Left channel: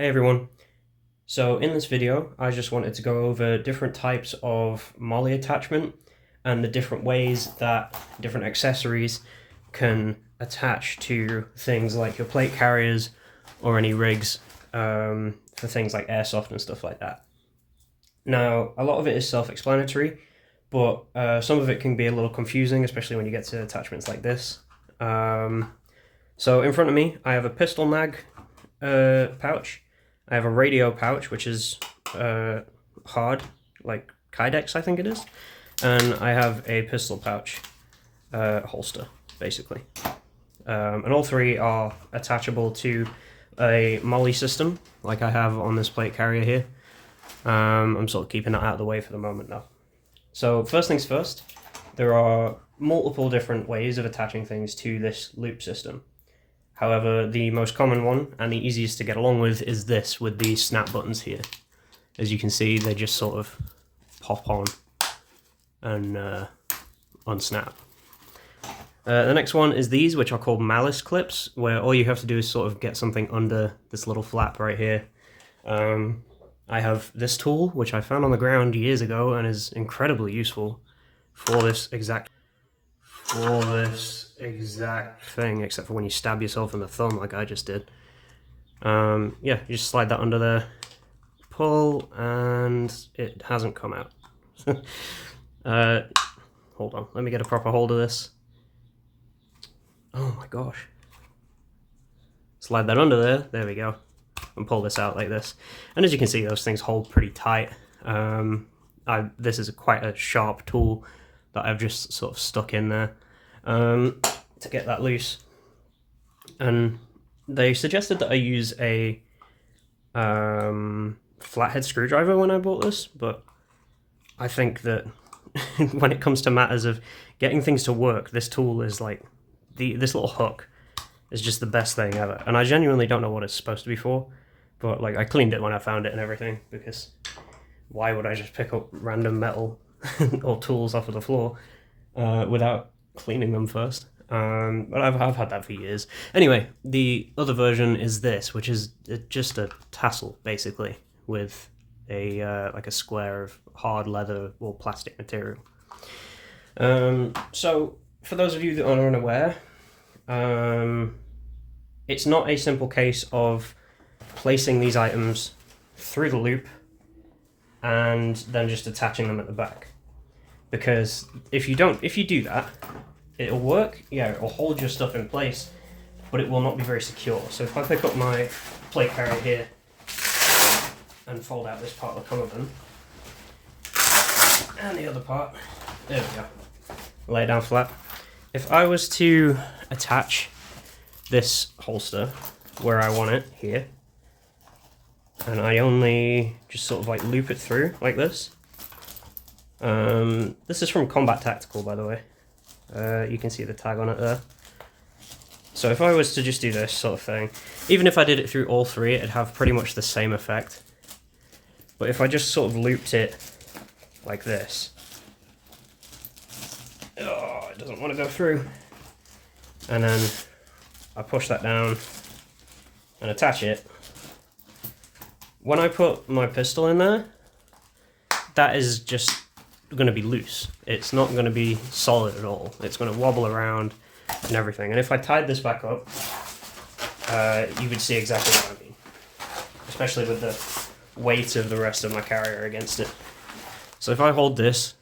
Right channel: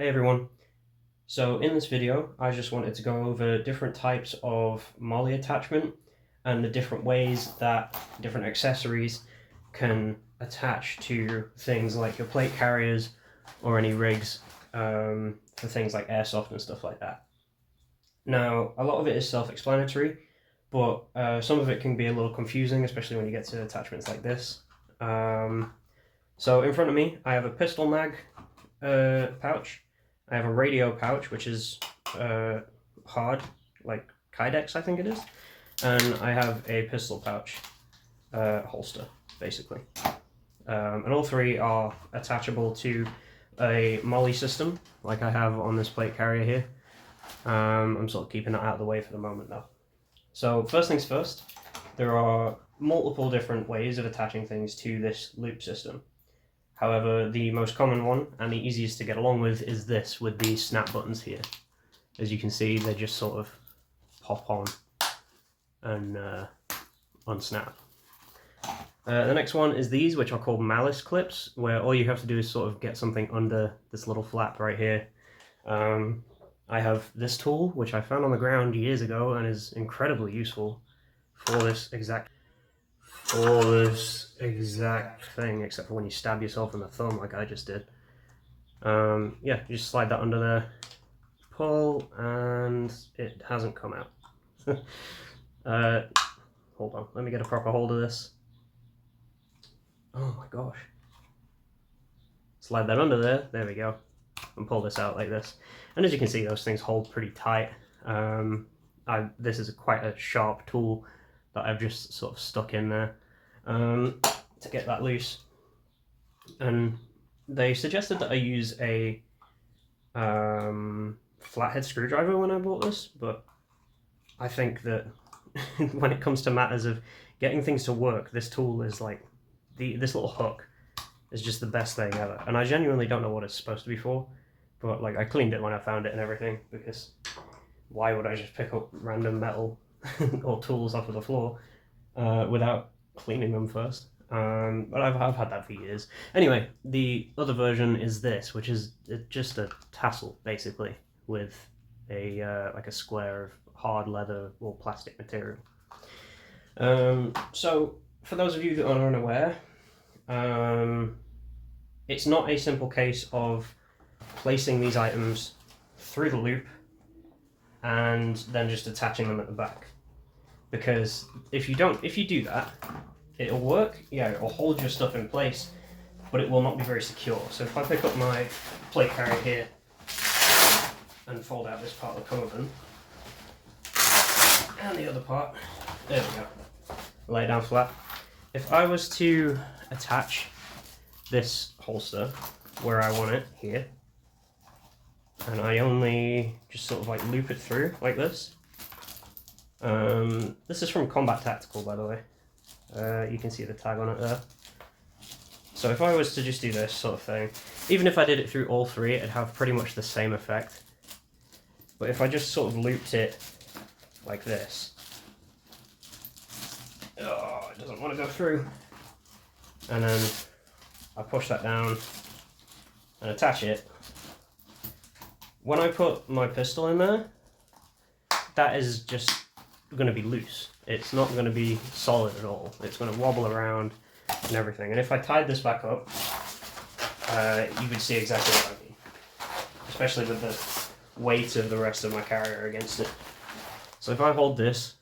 Hey everyone. So in this video, I just wanted to go over different types of Molle attachment and the different ways that different accessories can attach to things like your plate carriers or any rigs for things like Airsoft and stuff like that. Now, a lot of it is self-explanatory, but some of it can be a little confusing, especially when you get to attachments like this. So in front of me, I have a pistol mag pouch. I have a radio pouch, which is hard, like Kydex, I think it is. And I have a pistol pouch holster, basically. And all three are attachable to a Molle system, like I have on this plate carrier here. I'm sort of keeping that out of the way for the moment, though. So first things first, there are multiple different ways of attaching things to this loop system. However, the most common one and the easiest to get along with is this with these snap buttons here. As you can see, they just sort of pop on and unsnap. The next one is these, which are called malice clips, where all you have to do is sort of get something under this little flap right here. I have this tool, which I found on the ground years ago and is incredibly useful for this exact thing, except for when you stab yourself in the thumb like I just did. Yeah, you just slide that under there, pull, and it hasn't come out. Hold on, let me get a proper hold of this. Oh my gosh. Slide that under there we go, and pull this out like this. And as you can see, those things hold pretty tight. This is quite a sharp tool that I've just sort of stuck in there to get that loose. And they suggested that I use a flathead screwdriver when I bought this, but I think that when it comes to matters of getting things to work, this tool is like, this little hook is just the best thing ever. And I genuinely don't know what it's supposed to be for, but like I cleaned it when I found it and everything, because why would I just pick up random metal or tools off of the floor without cleaning them first? But I've had that for years. Anyway, the other version is this, which is just a tassel basically with a like a square of hard leather or plastic material. So for those of you that are unaware, it's not a simple case of placing these items through the loop and then just attaching them at the back. Because if you do that, it'll work, yeah, it'll hold your stuff in place, but it will not be very secure. So if I pick up my plate carrier here and fold out this part of the cummerbund, and the other part, there we go, lay it down flat. If I was to attach this holster where I want it, here, and I only just sort of like loop it through like this. This is from Combat Tactical, by the way. You can see the tag on it there. So if I was to just do this sort of thing, even if I did it through all three, it'd have pretty much the same effect. But if I just sort of looped it like this, oh, it doesn't want to go through. And then I push that down and attach it. When I put my pistol in there, that is just going to be loose. It's not going to be solid at all. It's going to wobble around and everything. And if I tied this back up, you would see exactly what I mean. Especially with the weight of the rest of my carrier against it. So if I hold this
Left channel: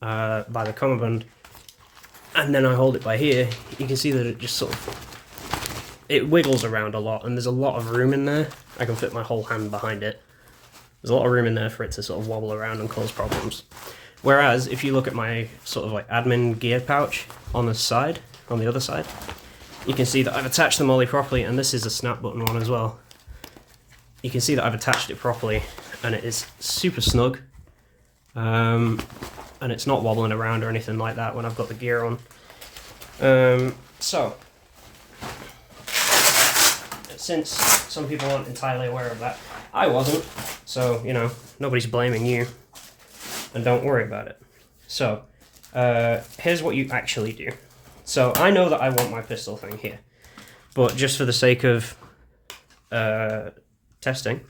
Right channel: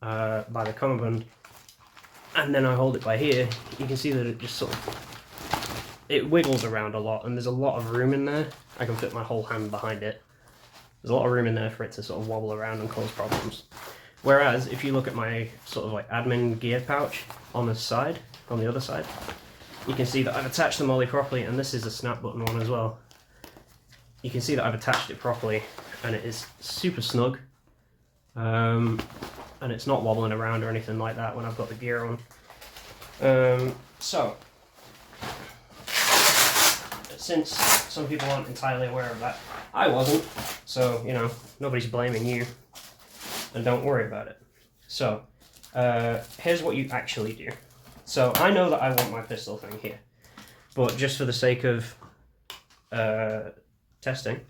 by the cummerbund, and then I hold it by here, you can see that it just sort of, it wiggles around a lot, and there's a lot of room in there. I can fit my whole hand behind it. There's a lot of room in there for it to sort of wobble around and cause problems. Whereas if you look at my sort of like admin gear pouch on the side, on the other side, you can see that I've attached the Molle properly, and this is a snap button one as well. You can see that I've attached it properly, and it is super snug. And it's not wobbling around or anything like that when I've got the gear on. So, since some people aren't entirely aware of that, I wasn't, so, you know, nobody's blaming you, and don't worry about it. So, here's what you actually do. So, I know that I want my pistol thing here, but just for the sake of testing,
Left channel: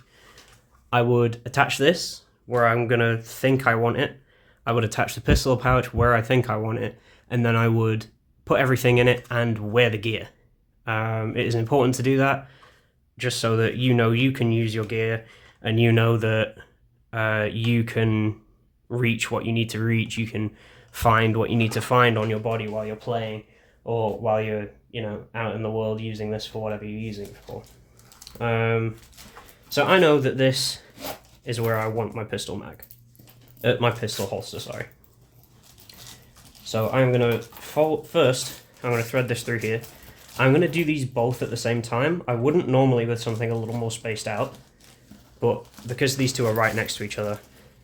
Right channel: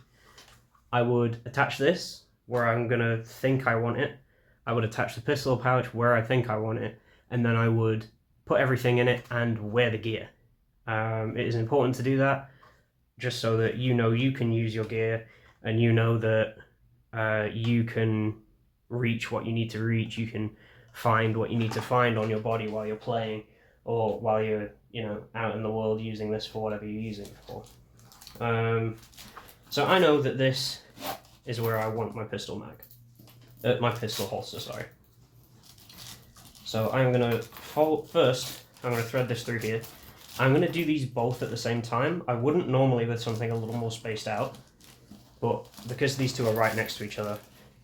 I would attach this where I'm going to think I want it. I would attach the pistol pouch where I think I want it, and then I would put everything in it and wear the gear. It is important to do that just so that you know you can use your gear, and you know that you can reach what you need to reach. You can find what you need to find on your body while you're playing, or while you're, you know, out in the world using this for whatever you're using it for. So I know that this is where I want my pistol mag. My pistol holster, sorry. So I'm going to first, I'm going to thread this through here. I'm going to do these both at the same time. I wouldn't normally with something a little more spaced out, but because these two are right next to each other,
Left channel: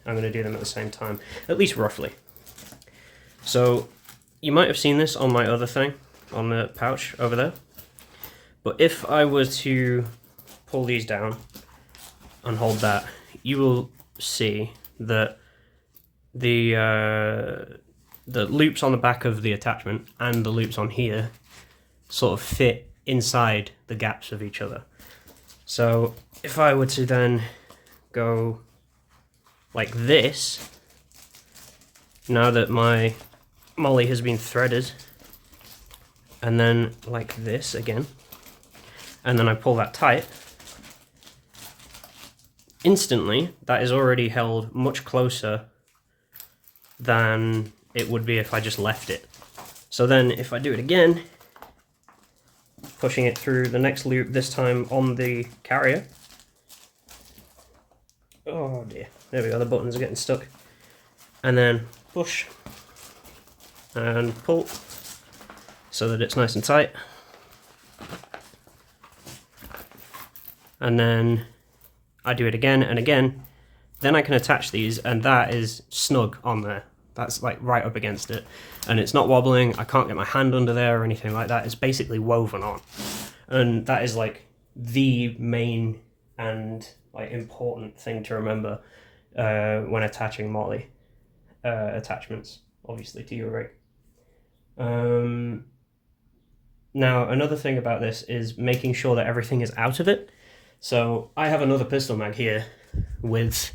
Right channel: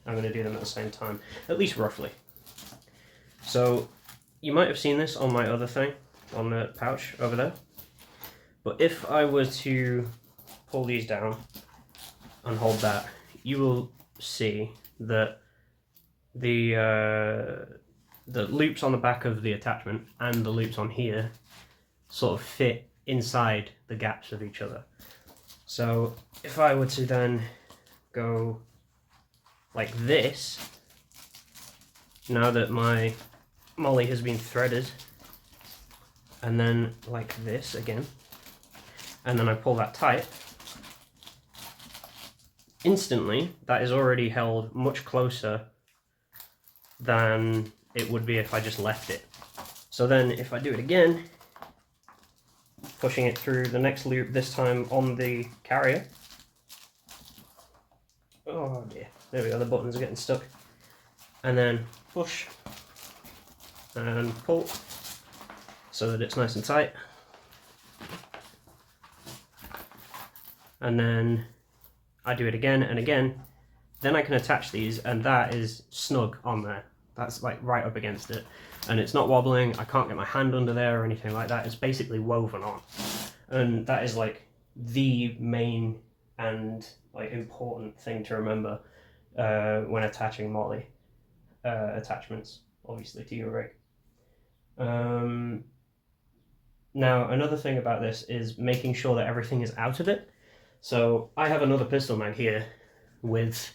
I'm going to do them at the same time, at least roughly. So you might have seen this on my other thing, on the pouch over there. But if I were to pull these down and hold that, you will see that the loops on the back of the attachment and the loops on here sort of fit inside the gaps of each other. So if I were to then go like this, now that my Molle has been threaded, and then like this again, and then I pull that tight, instantly that is already held much closer than it would be if I just left it. So then if I do it again, pushing it through the next loop, this time on the carrier. Oh dear, there we go, the buttons are getting stuck. And then push and pull so that it's nice and tight. And then I do it again and again, then I can attach these, and that is snug on there. That's like right up against it, and it's not wobbling. I can't get my hand under there or anything like that. It's basically woven on, and that is like the main and like important thing to remember when attaching Molle attachments, obviously, to your rig. Now another thing about this is making sure that everything is out of it. So I have another pistol mag here with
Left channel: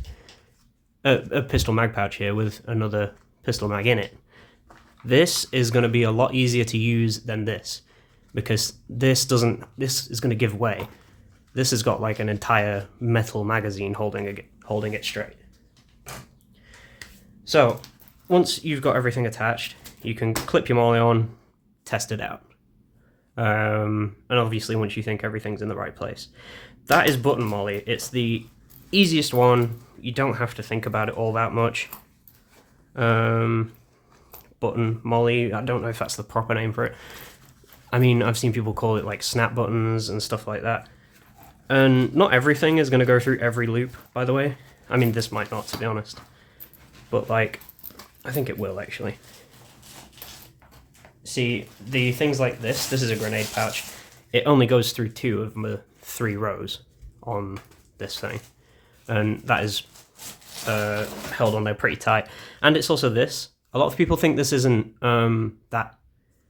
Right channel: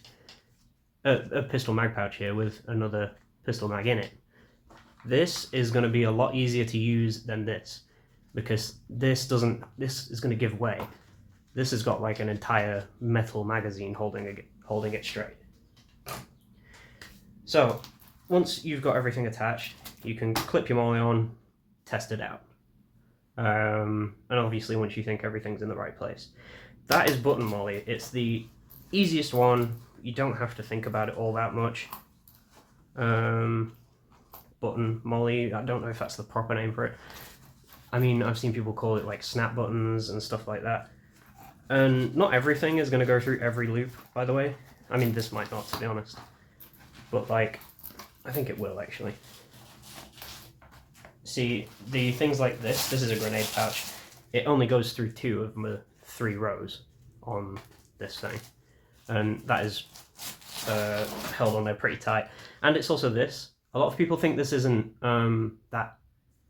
a pistol mag pouch here with another pistol mag in it. This is going to be a lot easier to use than this, because this is going to give way. This has got like an entire metal magazine holding it straight. So once you've got everything attached, you can clip your Molle on, test it out. And obviously once you think everything's in the right place. That is button Molle. It's the easiest one. You don't have to think about it all that much. Button Molle, I don't know if that's the proper name for it. I mean, I've seen people call it like snap buttons and stuff like that. And not everything is going to go through every loop, by the way. I mean, this might not, to be honest. But like, I think it will actually. See, the things like this is a grenade pouch. It only goes through 2 of the 3 rows on this thing. And that is held on there pretty tight. And it's also this. A lot of people think this isn't that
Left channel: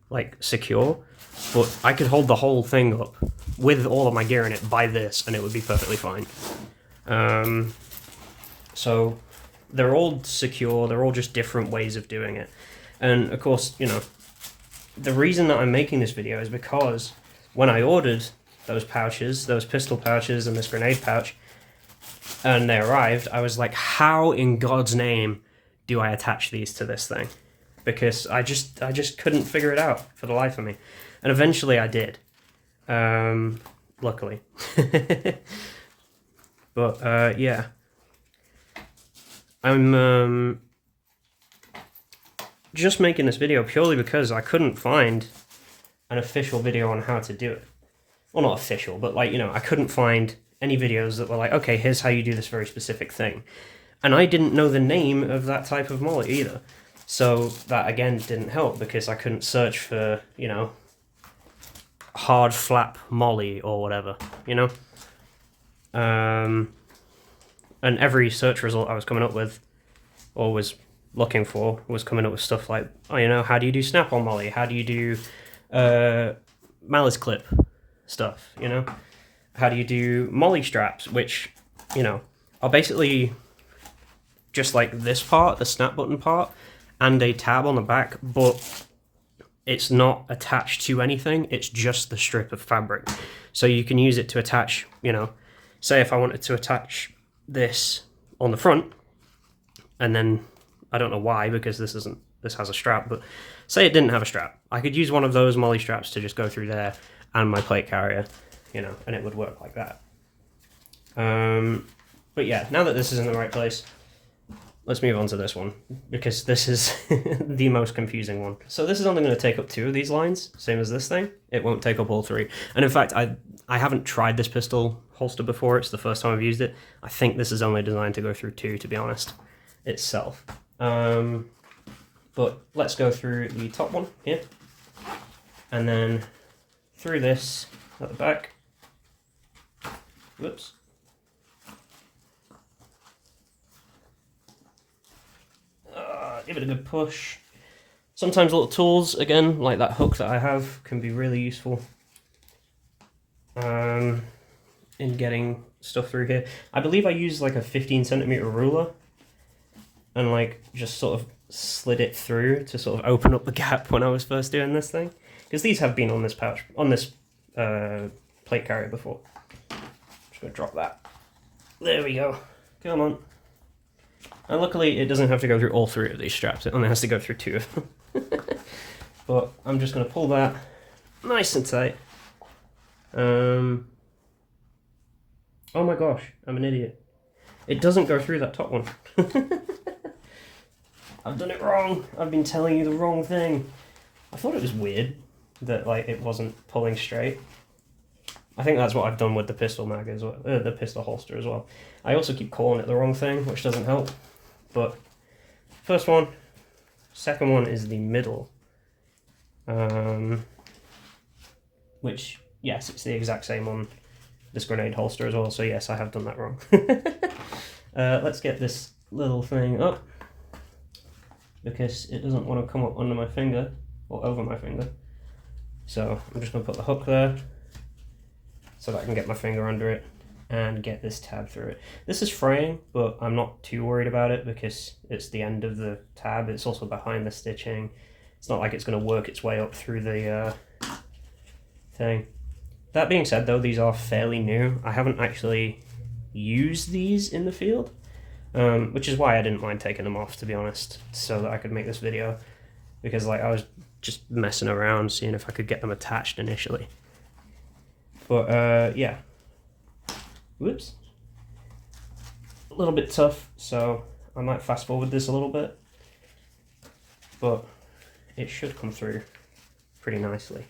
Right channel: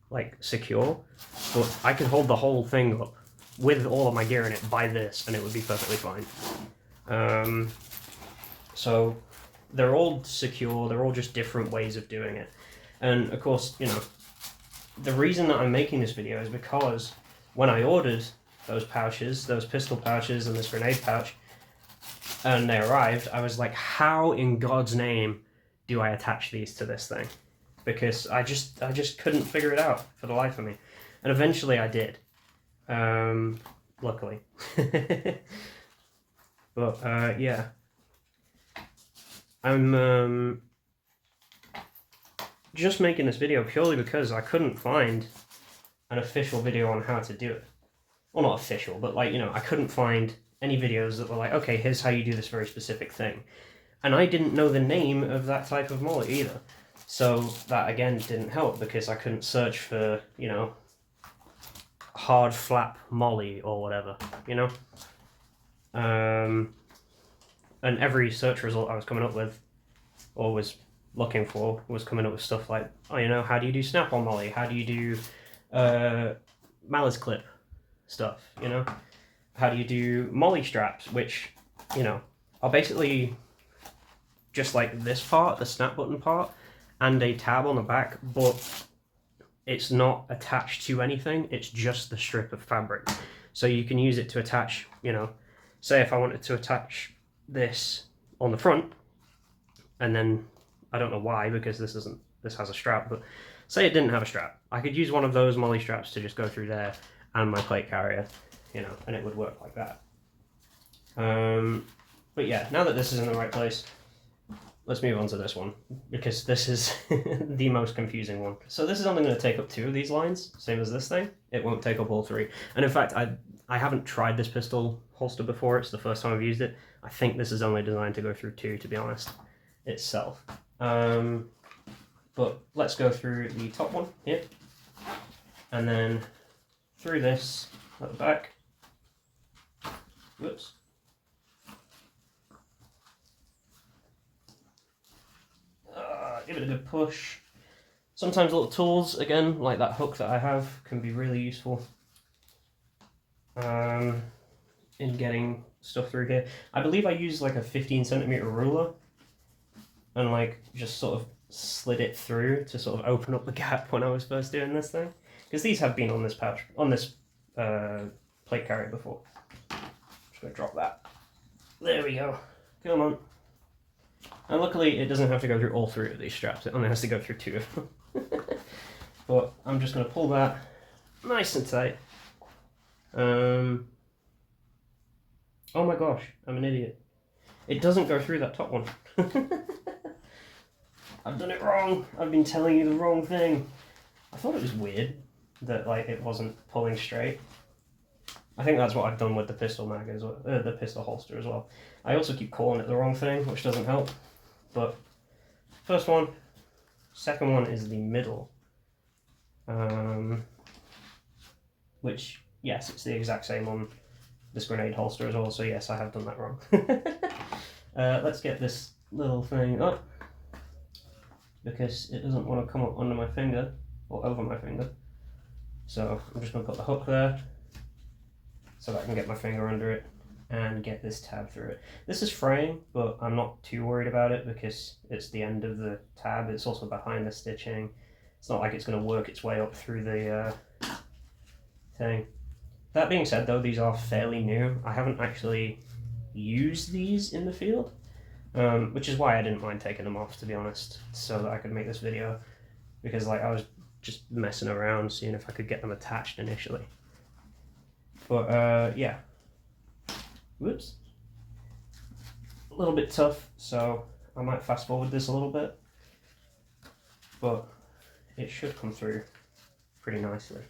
like secure, but I could hold the whole thing up with all of my gear in it by this, and it would be perfectly fine. So they're all secure. They're all just different ways of doing it. And of course, you know, the reason that I'm making this video is because when I ordered those pouches, those pistol pouches and this grenade pouch, and they arrived, I was like, how in God's name do I attach these to this thing? Because I just couldn't figure it out for the life of me. And eventually I did. Luckily. But yeah. I'm just making this video purely because I couldn't find an official video on how to do it. Well, not official, but like, you know, I couldn't find any videos that were like, okay, here's how you do this very specific thing. And I didn't know the name of that type of Molle either. So that, again, didn't help because I couldn't search for, you know, hard flap Molle or whatever, you know? And every search result I was coming up with, or was looking for, was coming up with stuff like, oh, you know, how do you do snap-on Molle? How do you do malice clip stuff, you know? how do you do Molle straps, which, you know, are basically just like this part, the snap button part, and a tab on the back, but it's not attached to anything, it's just the strip of fabric. So you can use it to attach, you know, say if I wanted to attach this on the front, and then, I don't know why, because this has a strap, but say it didn't have a strap, I could use one of those Molle straps to just go through there and my plate carrier, you know, and it would work like that. But yeah, now that this is in the right place, let's move on to this one, because this is the most confusing one. So this is only going to take up 2 of these lines, same as this thing. It won't take up all 3. And in fact, I haven't tried this pistol holster before. It's the first time I've used it. I think this is only designed to go through 2, to be honest, itself. But let's go through the top one here, and then through this at the back. Whoops. Give it a good push. Sometimes little tools, again, like that hook that I have, can be really useful in getting stuff through here. I believe I used like a 15cm ruler and like just sort of slid it through to sort of open up the gap when I was first doing this thing, because these have been on this pouch, on this plate carrier before. Just gonna drop that. There we go. Come on. And luckily it doesn't have to go through all 3 of these straps, it only has to go through 2 of them. But I'm just going to pull that nice and tight. Oh my gosh, I'm an idiot. It doesn't go through that top one. I've done it wrong. I've been telling you the wrong thing. I thought it was weird that like it wasn't pulling straight. I think that's what I've done with the pistol mag as well, the pistol holster as well. I also keep calling it the wrong thing, which doesn't help. But first one, second one is the middle. Which, yes, it's the exact same on this grenade holster as well, so yes, I have done that wrong. Let's get this little thing up, because it doesn't want to come up under my finger, or over my finger. So I'm just going to put the hook there, so that I can get my finger under it and get this tab through it. This is fraying, but I'm not too worried about it because it's the end of the tab. It's also behind the stitching. It's not like it's going to work its way up through the thing. That being said though, these are fairly new. I haven't actually used these in the field, which is why I didn't mind taking them off, to be honest, so that I could make this video, because like I was just messing around seeing if I could get them attached initially. But yeah. Whoops. A little bit tough, so I might fast forward this a little bit, but it should come through pretty nicely.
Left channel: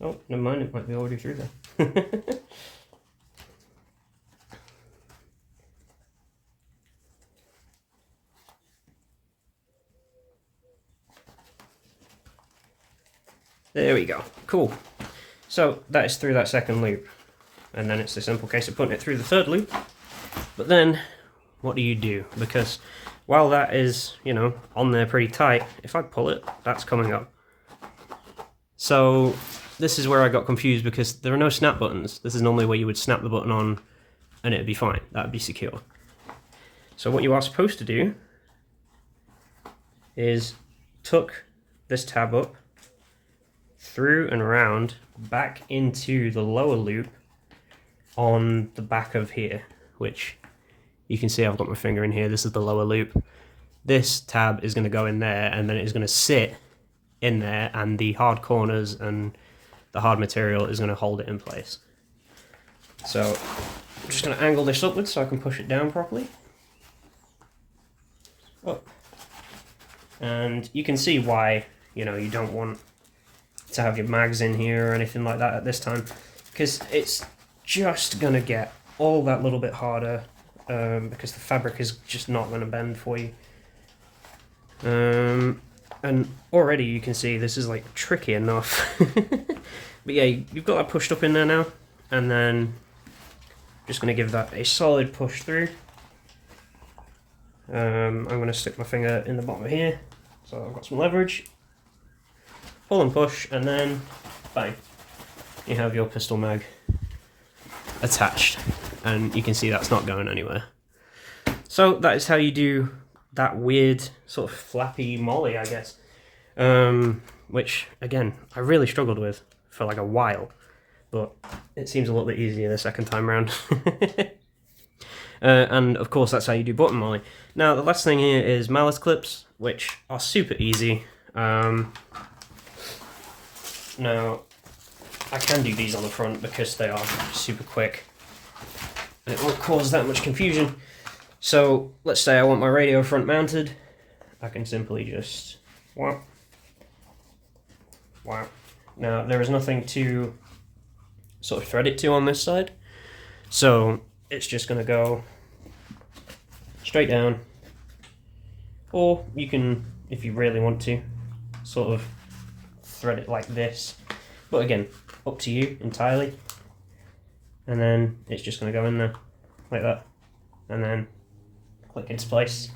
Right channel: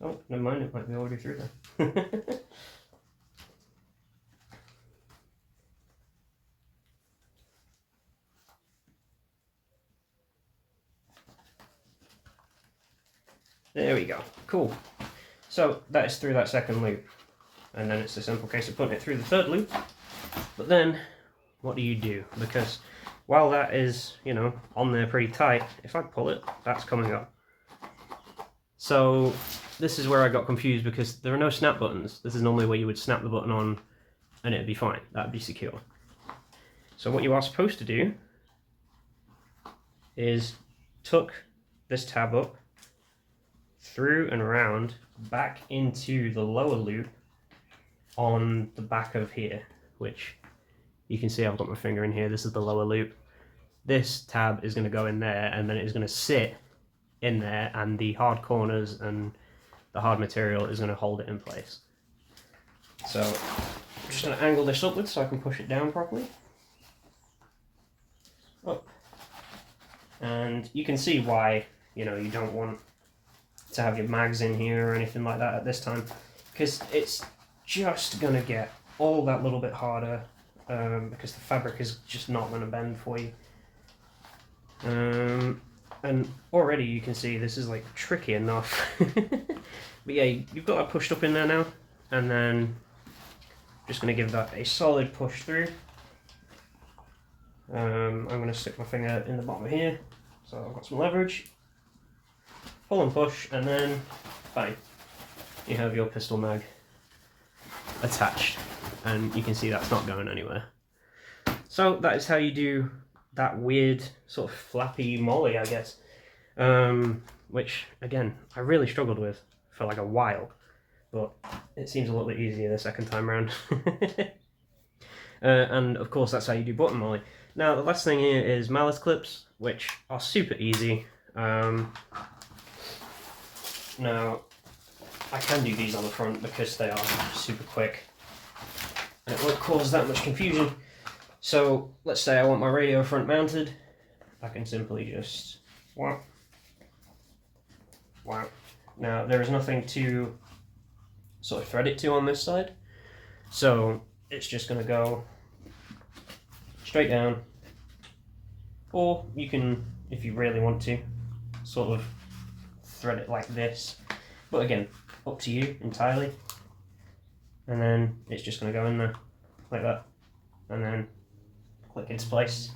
Oh, never mind, it might be already through there. There we go, cool. So that is through that second loop, and then it's a simple case of putting it through the third loop. But then, what do you do? Because while that is, you know, on there pretty tight, if I pull it, that's coming up. So this is where I got confused, because there are no snap buttons. This is normally where you would snap the button on and it'd be fine, that'd be secure. So what you are supposed to do is tuck this tab up, through and around, back into the lower loop on the back of here, which you can see I've got my finger in here. This is the lower loop. This tab is going to go in there, and then it's going to sit in there, and the hard corners and the hard material is going to hold it in place. So I'm just going to angle this upwards so I can push it down properly. Up. And you can see why, you know, you don't want to have your mags in here or anything like that at this time, because it's just going to get all that little bit harder, because the fabric is just not going to bend for you. And already you can see this is like tricky enough. But yeah, you've got that pushed up in there now, and then just going to give that a solid push through. I'm going to stick my finger in the bottom of here, so I've got some leverage. Pull and push, and then bang. you have your pistol mag attached, and you can see that's not going anywhere. So that is how you do that weird sort of flappy Molle, I guess, which again I really struggled with for like a while, but it seems a little bit easier the second time round. And of course that's how you do button Molle. Now the last thing here is malice clips, which are super easy. Now I can do these on the front because they are super quick and it won't cause that much confusion. So let's say I want my radio front mounted, I can simply just wow. Now there is nothing to sort of thread it to on this side, so it's just going to go straight down, or you can, if you really want to, sort of thread it like this, but again, up to you entirely. And then it's just going to go in there like that, and then click into place.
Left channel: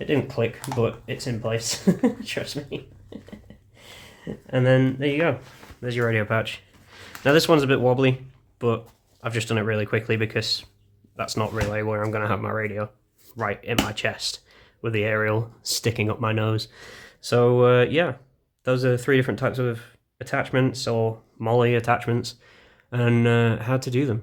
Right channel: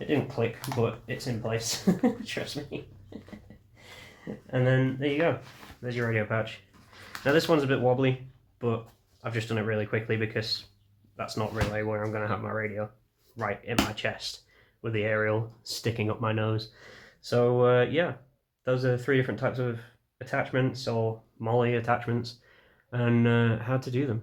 It didn't click, but it's in place. Trust me. And then there you go, there's your radio pouch. Now this one's a bit wobbly, but I've just done it really quickly because that's not really where I'm going to have my radio, right in my chest with the aerial sticking up my nose. So yeah, those are 3 different types of attachments, or Molle attachments, and how to do them.